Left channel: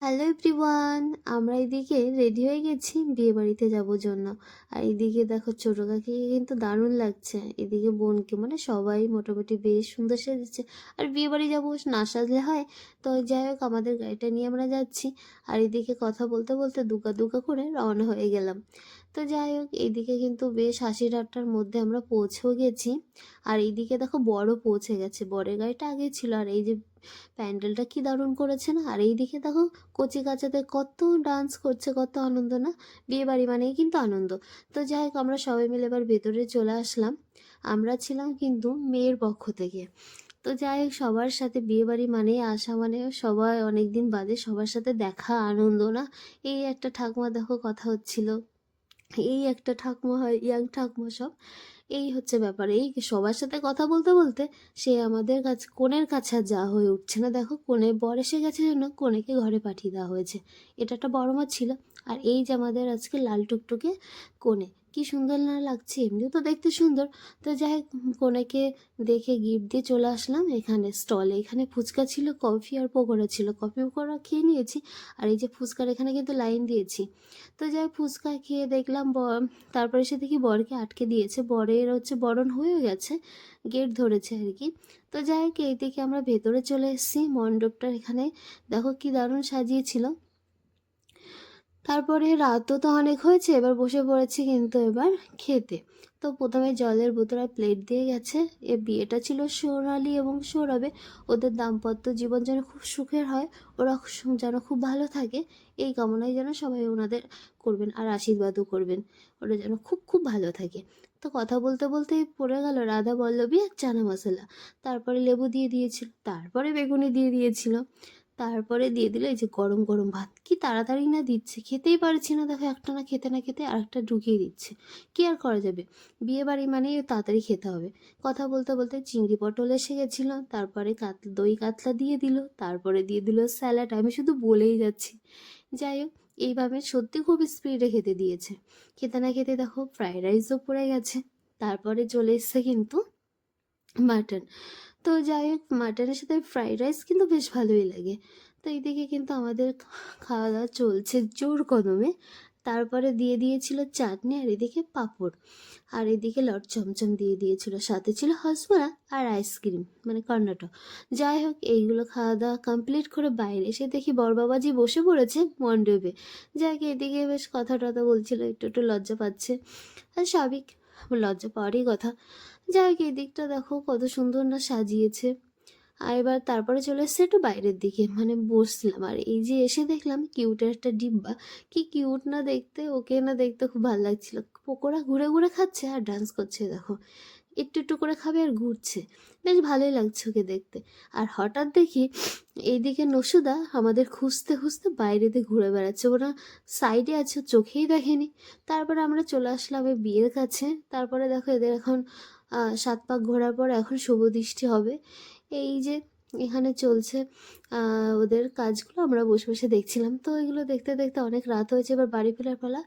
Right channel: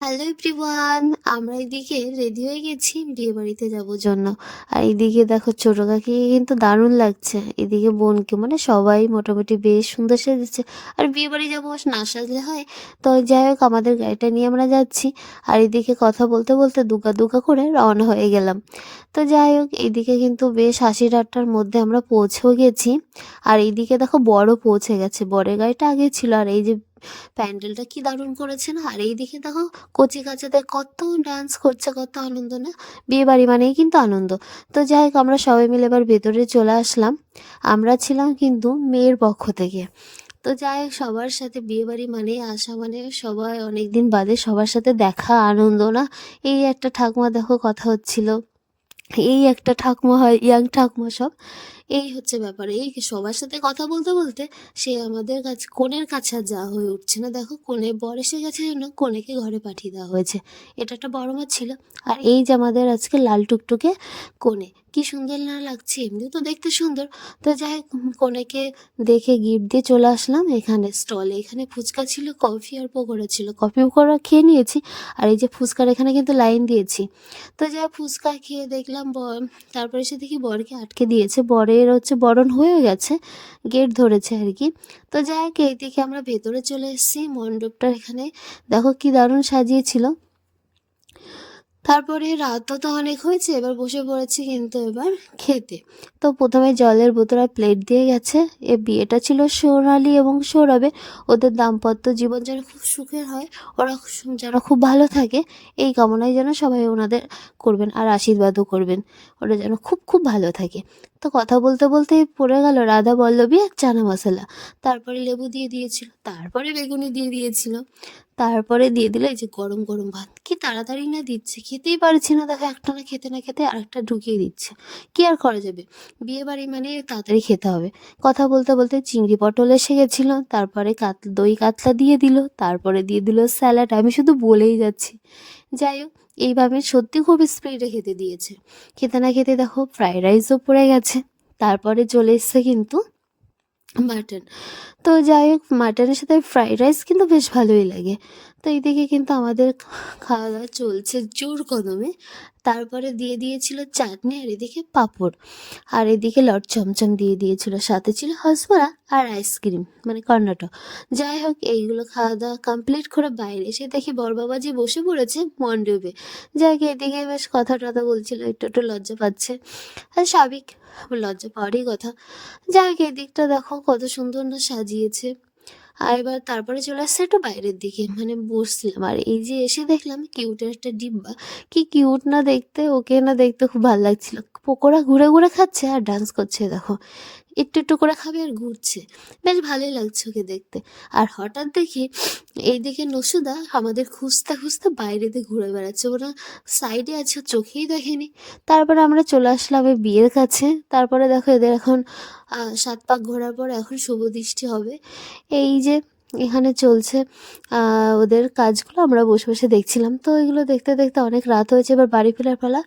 Hello everyone, আমরা এদিকে ready হয়ে গেছি বিয়ে বাড়িতে যাব জন্য। আর এদিকে দেখো ছোটো কাকিকে কিন্তু দারুণ লাগছে। এদিকে বোনকে মানে সবাই মোটামুটি বেশ সুন্দর সেজেছে। আর বিয়ে বাড়ি যাব না সাজলে হয়। তো যাই হোক, আমাদের গাড়িটা নিয়ে আমরা যাচ্ছি। আর এদিকে কথা বলতে বলতে দুকা দুকা করে রওনা হয়ে গেলাম। তো যাই হোক এইদিকে কিন্তু বেশ হাসি ঠাট্টার মধ্যে আমরা পৌঁছেও গেছি। আর এইদিকে দেখো বড় পৌঁছে গেছে। বরের গাড়িটা আগে ছিল। আর এই যে প্যান্ডেলটা কি দারুণ করেছে না আর এইদিকে দেখো, কচি কাচাতে কত ডান্স করছে, কত আনন্দ না? বিয়ে বাড়ি মানেই কিন্তু আনন্দ। তো যাই হোক, আমরা সবাই মিলে এবার ভেতরে চলে আসলাম। আমরা ছিলাম কিন্তু মেয়ের পক্ষ থেকে। তো যাই সবার সাথে বিয়ে বাড়ি মানে আসা মানে সবাই অনেক দিন বাদে সবার সাথে দেখা, আনন্দ না? এই একটা ঠাকুমা দেখো, কথা হচ্ছিল। এই একটা ঠাকুমা হয়, ইয়াং ঠাকুমা সব। এই হচ্ছে ব্যাপার। এই সবার সাথে কথা বলতে বলতে সে আমাদের কাছে, কনের কাছে যাওয়া হয়ে উঠছে না। দেখো, কনে বর এসে গেছে জন্য কনেকে ঘরে পাঠিয়ে দেওয়া হয়েছে। এটা একটা বড় মাছ ছিল। আর এই যে আমাদের আজকে লাল টুকটুকে কোণে কি সুন্দর না লাগছে? এমনিও তো দেখতে সুন্দর। তো যাই কনেকে দেখে গিফট দিয়ে চলে আসলাম এখানে স্টলে এখানে ফুচকা ছিল কফি আর পকোড়া ছিল। কফি পকোড়া খেয়ে নিয়েছি। আর এই যে ফুচকার এখানে কিন্তু লাইন দিয়েছি। তো যাই ফুচকা খেয়ে দেখলাম ব- তারপরে সে দেখি বরকে আটকে দিয়েছে। বরের হচ্ছে বরণ হয়ে গেছে, গেট ধরেছে আর কি। তো যাই হোক এইদিকে আমরা ভেতরে চলে এসেছি, মণ্ডপটা এখানে দেখো কি দারুণ সাজিয়েছিল। তারপরে রাতও তো অনেক হয়েছে, এবার বসে পড়েছি কিন্তু এবার খেতে। তো প্রথমে জলের বোতল প্লেট দিয়ে গেছে। এ বিয়েটা ছিল সোনালি এবং সৌরভে। ওদের দাম্পত্য জীবন যেন খুব সুখের হয়, ওরা যেন খুব ভালো থাকে, এই কামনায় যেন সবাই ওনাদের করবেন আর আশীর্বাদও করবেন। ওরা যেন খুব খুব ভালো থাকে। তো কথা বলতে বলতে পড়ে গেল রাধা বল্লভী আর চানা মশলা। তারপরে লেবু দিয়ে দিয়েছিল, তারপরে বেগুনি দিয়ে দিয়েছিল। তারপরে দিয়ে দিল এই যে গরম গরম ভাত। কি তাড়াতাড়ি না দিচ্ছে, খেতেই পারছি না। দেখো একটা না খেতে না খেতে আরেকটা ঢুকিয়ে দিচ্ছে। কি আর করা যাবে? বিয়ে বাড়ি মানে তাড়াতাড়ি খেতে হবে। কথা বলতে বলতে চিংড়ি পটল এসে গেছিল, তারপরে কাত, দই কাতলা দিয়ে দিল, তারপরে দিয়ে দিল স্যালাড। আমি শুধু বলেই যাচ্ছি। যাই হোক, এইভাবে সত্যি খুব স্পিডে খেতে দিয়েছে। খেতে না খেতে দেখো, ফ্রাইড রাইসও পড়ে গেছে। তারপরে চলে এসছে কিন্তু মাটন। তো যাই হোক, মাটনের সাথে ফ্রাইড রাইস কিন্তু বেশ ভালোই লাগে। তো এইদিকে কিন্তু আমাদের খাওয়া দাওয়া চলছে জোর কদমে। তারপরে দিয়ে দিয়েছিল চাটনি আর এদিকে পাঁপড়। আর এদিকে লট চমচম দিয়ে দিয়েছিল। সাথে ছিল হসবড়া আর আইসক্রিম মানে কর্ণাটক যাই হোক, এইগুলো খাওয়া দাওয়া কমপ্লিট করে বাইরে এসে দেখি বরবাবাজি বসে পড়েছে মণ্ডপে। যাই হোক, এদিকে বেশ কথা টথা বলছিল, একটু একটু লজ্জা পাচ্ছে। আর স্বাভাবিক লজ্জা পাওয়ারই কথা। যাই হোক, এদিকটা দেখো কত সুন্দর না সাজিয়েছে। আর এবার তারপরে চলে আসছে একটু বাইরের দিকে। মানে বসছিলাম আর এই যে এসে দেখলাম কিউটের একটা ডিব্বা। কি কিউট না দেখতে, ওকে না দেখতে খুব ভালো লাগছিল। পকোড়া ঘুরে ঘুরে খাচ্ছে আর ডান্স করছে, দেখো। একটু একটু করে খাবে আর ঘুরছে। বেশ ভালোই লাগছে ওকে দেখতে। আর হঠাৎ দেখি এইদিকে নসুদা আমাদের খুঁজতে খুঁজতে বাইরে দিয়ে ঘুরে বেড়াচ্ছে। ওরা সাইডে আছে চোখেই দেখেনি। তারপরে আমরা চলে আসলাম এই বিয়ের কাছে। তারপরে দেখো এদের এখন সাত পাক ঘোরার পর এখন শুভ দৃষ্টি হবে। এই যে এখানে চলছে ওদের কাজগুলো আমরা বসে বসে দেখছিলাম। তো এগুলো দেখতে দেখতে অনেক রাত হয়েছে, এবার বাড়ি ফেরার পালা।